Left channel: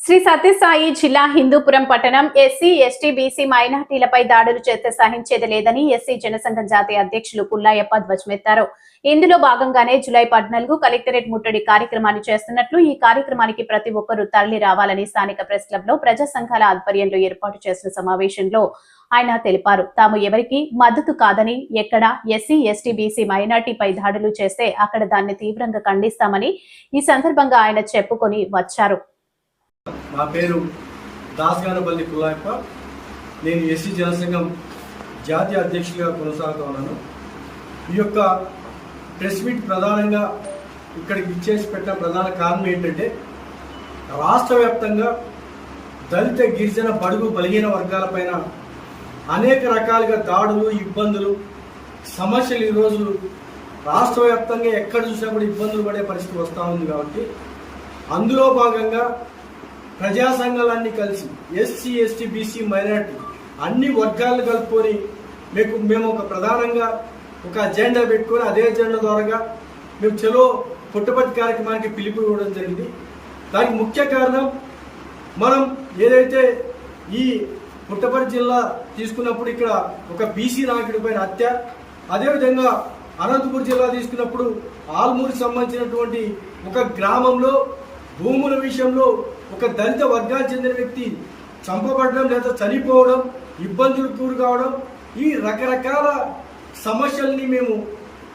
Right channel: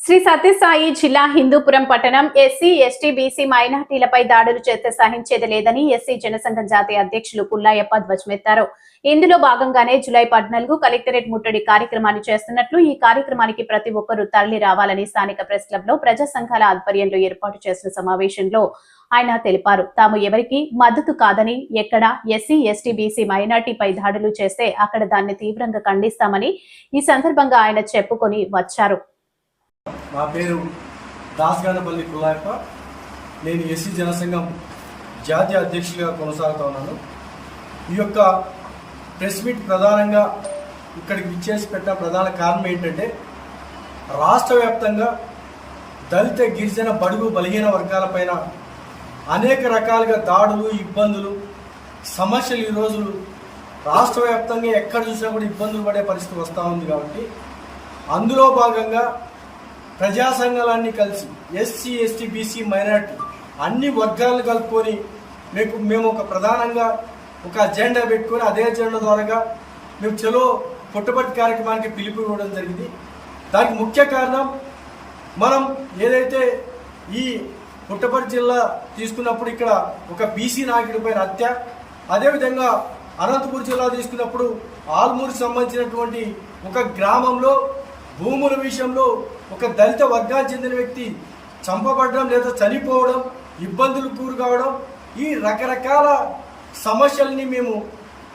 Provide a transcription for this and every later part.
శ్రీ సత్యసాయి జిల్లా హిందూపురం పట్టణం SC ST BC మైనార్టీలపై దాడులు చేస్తే సహించేది లేదని ఎస్సీ జనసంఘం జాతీయ అధ్యక్షులు పుల్లాయప్ప ధ్వజమెత్తారు. ఇందులో భాగంగానే జులై పద్నాలుగు కలెక్టరేట్ ముట్టడి కార్యక్రమాన్ని చేస్తున్నట్లు ఈ కార్యక్రమానికి ప్రతి ఒక్కరూ తరలి రావాలని స్థానిక ప్రెస్ క్లబ్లో ప్రజా సంఘాల ఆధ్వర్యంలో ఏర్పాటు చేసిన సమావేశంలో ఆయన తెలిపారు. తాము ఎవరికి మద్దతు కాదని ఎక్కడ ఎస్సీ ఎస్టీ బీసీ మైనార్టీపై దాడులు చేస్తే అక్కడ దాన్ని తీవ్రంగా ఖండిస్తామని ఈ సందర్భంగా ఆయన చెప్పుకొని వచ్చారు. నా పేరు దాస్గానపల్లి కుల్లాయప్ప నేను ఎస్సీ జనసంఘం జాతీయ అధ్యక్షులుగా కొనసాగుతా ఉన్నాను. ఈ యొక్క ప్రెస్ మీట్ ప్రధానంగా ఇక్కడికి విచ్చేసి పెట్టిన ప్రధాన కారణం ఏంటంటే రాష్ట్ర వ్యాప్తంగా దళిత గిరిజన బడుగు బలహీన వర్గాలపైన అనేక రకాలుగా దాడులు ఇబ్బందులు సమస్యలు ఈ రోజులు రాష్ట్ర వ్యాప్తంగా ఎక్కడ చూసినా కూడా ఇబ్బందులు పడే పరిస్థితి వస్తూ ఉంది కాబట్టి అందులో భాగంగా ప్రజా సంఘాలన్నీ కలిసి ఎస్సీ ఎస్టీ బీసీ మైనార్టీ అన్ని వర్గాలను కలుపుకొని మీకు మేము ఒక ప్రధానంగా ఒక అజెండా పెట్టుకొని అదే అజెండా ద్వారాగా మేము చలో పుట్టపట్టి కార్యక్రమానికి పిలుపు ఇవ్వడం జరిగింది. దానికి ముఖ్య కారణం మనం ఏదైతే ఈ పుట్టపర్తి జిల్లా తీసుకున్నప్పుడు ఇక్కడ ఒక బీసీ నాయకుడిపై హత్య అదేవిధంగా అనంతపురం జిల్లా తీసుకున్నప్పుడు ఆల్మూరుకి సంబంధించినటువంటి ఒక గ్రామంలో భూముల విషయంలో ఒక దళిత వర్గానికి చెందిన వ్యక్తి చంపబడడం లేదా చనిపోవడం ఇబ్బందులు కూరు కావడం ఈ రకరకాల సమస్యల్ని మేము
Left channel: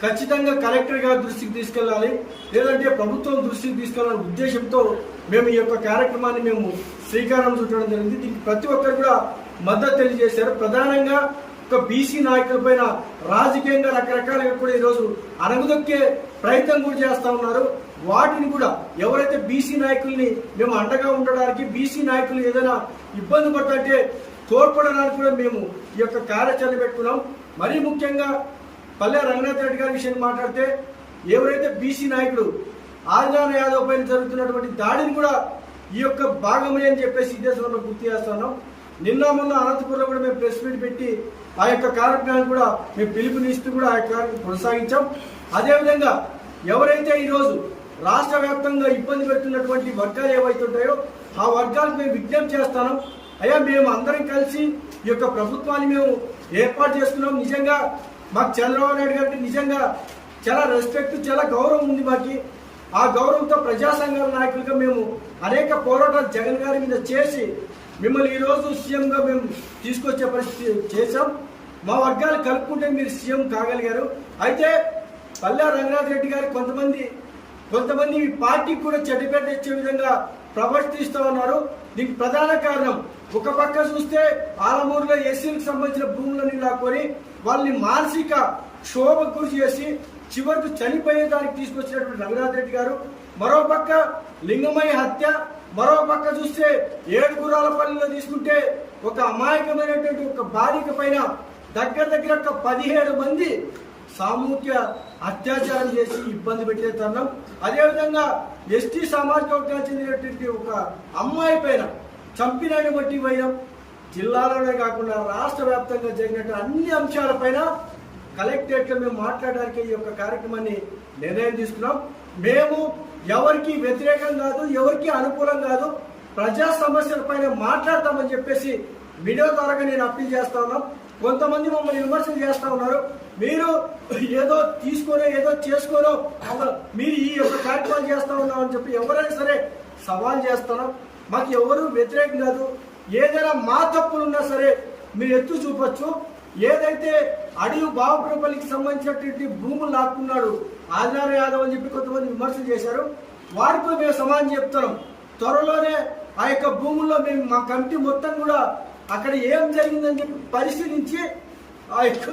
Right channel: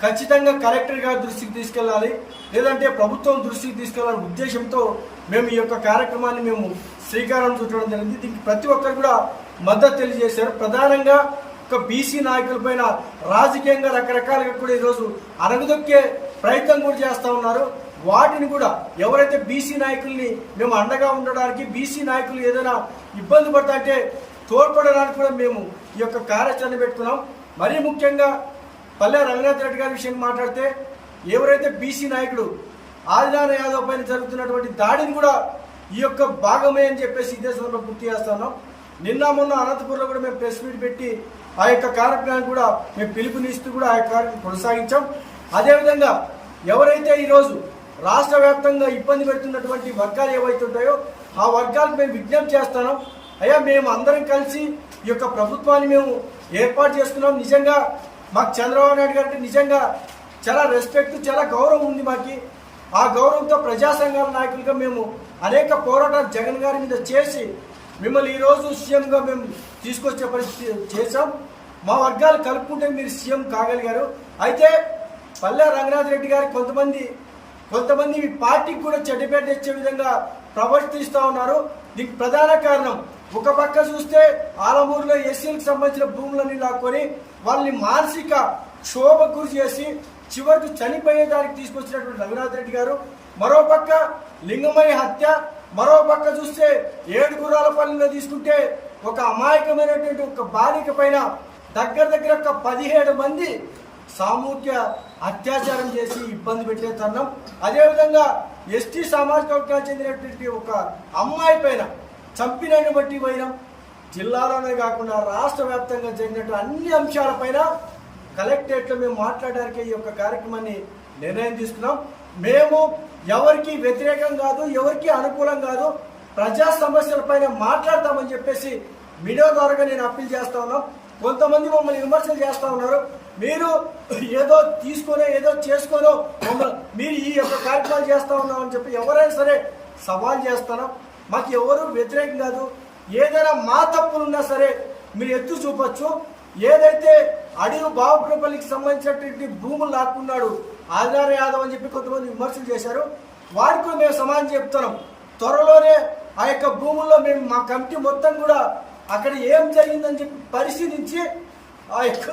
ఖచ్చితంగా కలెక్టర్ గారి దృష్టికి తీసుకెళ్ళాలి. లేదంటే ప్రభుత్వం దృష్టికి తీసుకెళ్ళాలనే ఉద్దేశంతో మేము ఈ యొక్క కార్యక్రమాన్ని మేము శ్రీకారం చుట్టడం జరిగింది. దీనికి ప్రతి ఒక్కరు కూడా మద్దతు తెలియజేశారు. ప్రధానంగా ఒక బీసీ నాయకులపైన రాజకీయంగా రకరకాలుగా కూడా ఈరోజు అరగదొక్కే ప్రయత్నం కూడా చేస్తూ ఉన్నారు. వాటిని కూడా ఎవరైతే బీసీ నాయకుల్ని మేము అండగా ఉండడానికి బీసీ నాయకులు ఏదైనా ఇబ్బంది పడతా అంటే తోడ్పడడానికి కూడా మేము ఈ యొక్క కార్యాచరణ పెట్టుకున్నాం. మరీ ముఖ్యంగా పల్లె రంగనాథ్ రెడ్డి గారి విషయాన్ని మాట్లాడితే ఎవరైతే బీసీ నాయకుడు ఆదినారాయణ యాదవ్ పైన జరుగుతున్నటువంటి దాడిని కూడా ఈ యొక్క భాగమే అని చెప్పేసి ఇదే సందర్భంలో గుర్తు చేస్తున్నాం నిన్న మొన్న అనంతపురంలో కూడా మేము ప్రెస్ మీట్ పెట్టి ఆ యొక్క కార్యక్రమాన్ని కూడా మేము పిలుపునిస్తూ కూడా ఆ యొక్క కార్యక్రమం కొనసాగించాం. అదేవిధంగా ఎవరైతే ఈరోజు రాష్ట్ర వ్యాప్తంగా ఇబ్బంది పెడుతున్నటువంటి వర్గాలు ఏవైతే ఉంటాయో ఆ వర్గాలకు మేము విజ్ఞప్తి చేస్తాను. అయ్యా మేము అందరం కలిసి ఈ యొక్క ప్రభుత్వాన్ని మేము ఏర్పాటు చేసుకున్నాం. నిజంగా మాకు చంద్రబాబు నాయుడు గారికి నిజంగా చాలా రెస్పెక్ట్ చాలా గౌరవం ఉంది మాకు. ఆ గౌరవంతో ప్రజా సంఘాల నాయకులుగా మేము అనేక పోరాటాలు జగన్ గారి మీద చేసి మిమ్మల్ని ఈరోజు సీఎంగా మేము తీసుకొచ్చే పరిస్థితి చేశాం. మా వర్గాలు కలుపుకుంటే మీరు సీఎం కాగలిగారు. అయితే పల్లె రంగనాథ్ రెడ్డి గారు కొంతమంది కొంతమంది మీ పార్టీకి కూడా చెడ్డపేట తెచ్చే విధంగా ప్రవర్తిస్తూ ఉన్నారు. దీనికి ప్రధాన కారణం ఒక పక్క చూస్తే ఆలమూరులో ఎస్సీలకు సంబంధించిన భూములన్నీ లాక్కొని వాళ్ళని మానసిక క్షోభ గురి చేసి చివరికి చనిపోయేదానికి తీసుకొచ్చినటువంటి రఘునాథ్ రెడ్డి గారు మరో పక్క లింగమయ్య హత్య మరో పక్క చూస్తే ఏడుగురాలపల్లిలో తీసుకుంటే ఒక అమాయకమైనటువంటి ఒక బాలిక పైన దగ్గర దగ్గర ఒక పదిహేడు మంది సామూహిక అత్యాచారం చేసి ఇబ్బంది పెట్టే తరుణం. అదేవిధంగా ఎస్టీ సామాజిక వర్గానికి చెందినటువంటి ఒక అమ్మాయి పైన చంపినటువంటి వైనం జిల్లాలోనే కాకుండా రాష్ట్ర వ్యాప్తంగా జరిగినట్టు అన్ని అంశాలపైన కలెక్టరేట్లో మేము మాట్లాడడానికి ఈ యొక్క కార్యక్రమాన్ని నిర్ణయం తీసుకున్నాం. మేము ఎవరికి వ్యతిరేకం కాదు ఎవరికి అనుకూలం కాదు ప్రజా సమస్యలపైన మాట్లాడతామని చెప్పేసి మీడియా ద్వారా నేను అప్పీల్ చేస్తా ఉన్నాం. కొంతమంది మమ్మల్ని విమర్శలు చేస్తూ ఉన్నారు. మీరు ఏదో తీసుకోనో ఏదో చేసుకోనో మమ్మల్ని మీరు ఈ యొక్క కార్యక్రమాలు చేస్తా ఉన్నామని చెప్పి ఎవరైనా సరే సవాల్ చేస్తాను మాకు ఎవరు వ్యతిరేకం కాదు. ఏదైనా మా తప్పులున్నా సరే మీరు ఎత్తు చూపొచ్చు. ఏదైతే అడవి బాబుపల్లికి సంబంధించినటువంటి భూములు లాక్కున్నాడు ఆదినార యాదవ్ అని చెప్పి కొంతమంది విమర్శలు చేశారు. వాడికి మేము సమానం చెప్తున్నాం. త్వరలోనే ఆ యొక్క భూముల్లో మేము మా కమిటీ మొత్తం కూడా అక్కడ ఏం జరిగిందని చెప్పి పరిశీలించి ఆ యొక్క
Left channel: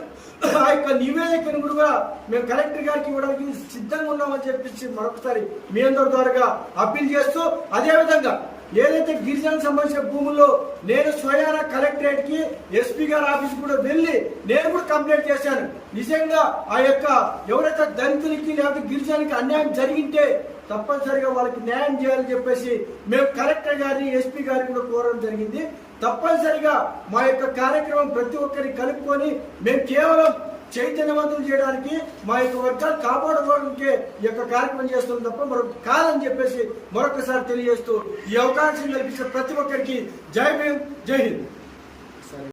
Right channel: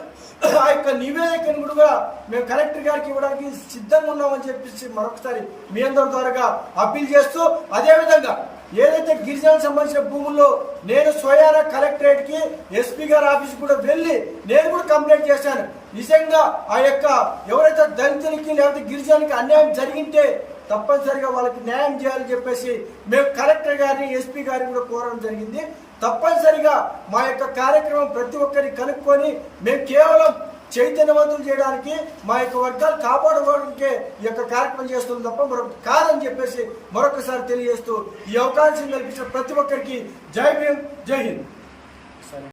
ఆ యొక్క నివేదికను కూడా మేము కలెక్టర్ గారికి ఇవ్వడానికి సిద్ధంగా ఉన్నామని చెప్పేసి మరొకసారి మీ అందరి ద్వారా అప్పీల్ చేస్తూ అదేవిధంగా ఏదైతే గిరిజనకు సంబంధించిన భూముల్లో నేను స్వయాన కలెక్టరేట్కి ఎస్పీ గారి ఆఫీస్ కూడా వెళ్ళి నేను కూడా కంప్లైంట్ చేశాను. నిజంగా ఆ యొక్క ఎవరైతే దళితులకి లేకపోతే గిరిజనకి అన్యాయం జరిగింటే తప్పనిసరిగా వాళ్ళకి న్యాయం చేయాలని చెప్పేసి మేము కలెక్టర్ గారిని ఎస్పీ గారిని కూడా కోరడం జరిగింది. తప్పనిసరిగా మా యొక్క కార్యక్రమం ప్రతి ఒక్కరిని కలుపుకొని మేము కేవలం చైతన్యవంతులు చేయడానికి మా యొక్క వర్గాలు కాపాడుకోవడానికే ఈ యొక్క కార్యక్రమం చేస్తున్నాం తప్ప మరొక కాదని చెప్పేసి మరొకసారి తెలియజేస్తూ ఈ అవకాశం కల్పించిన ప్రతి ఒక్కరికి జై భీమ్ జై హింద్.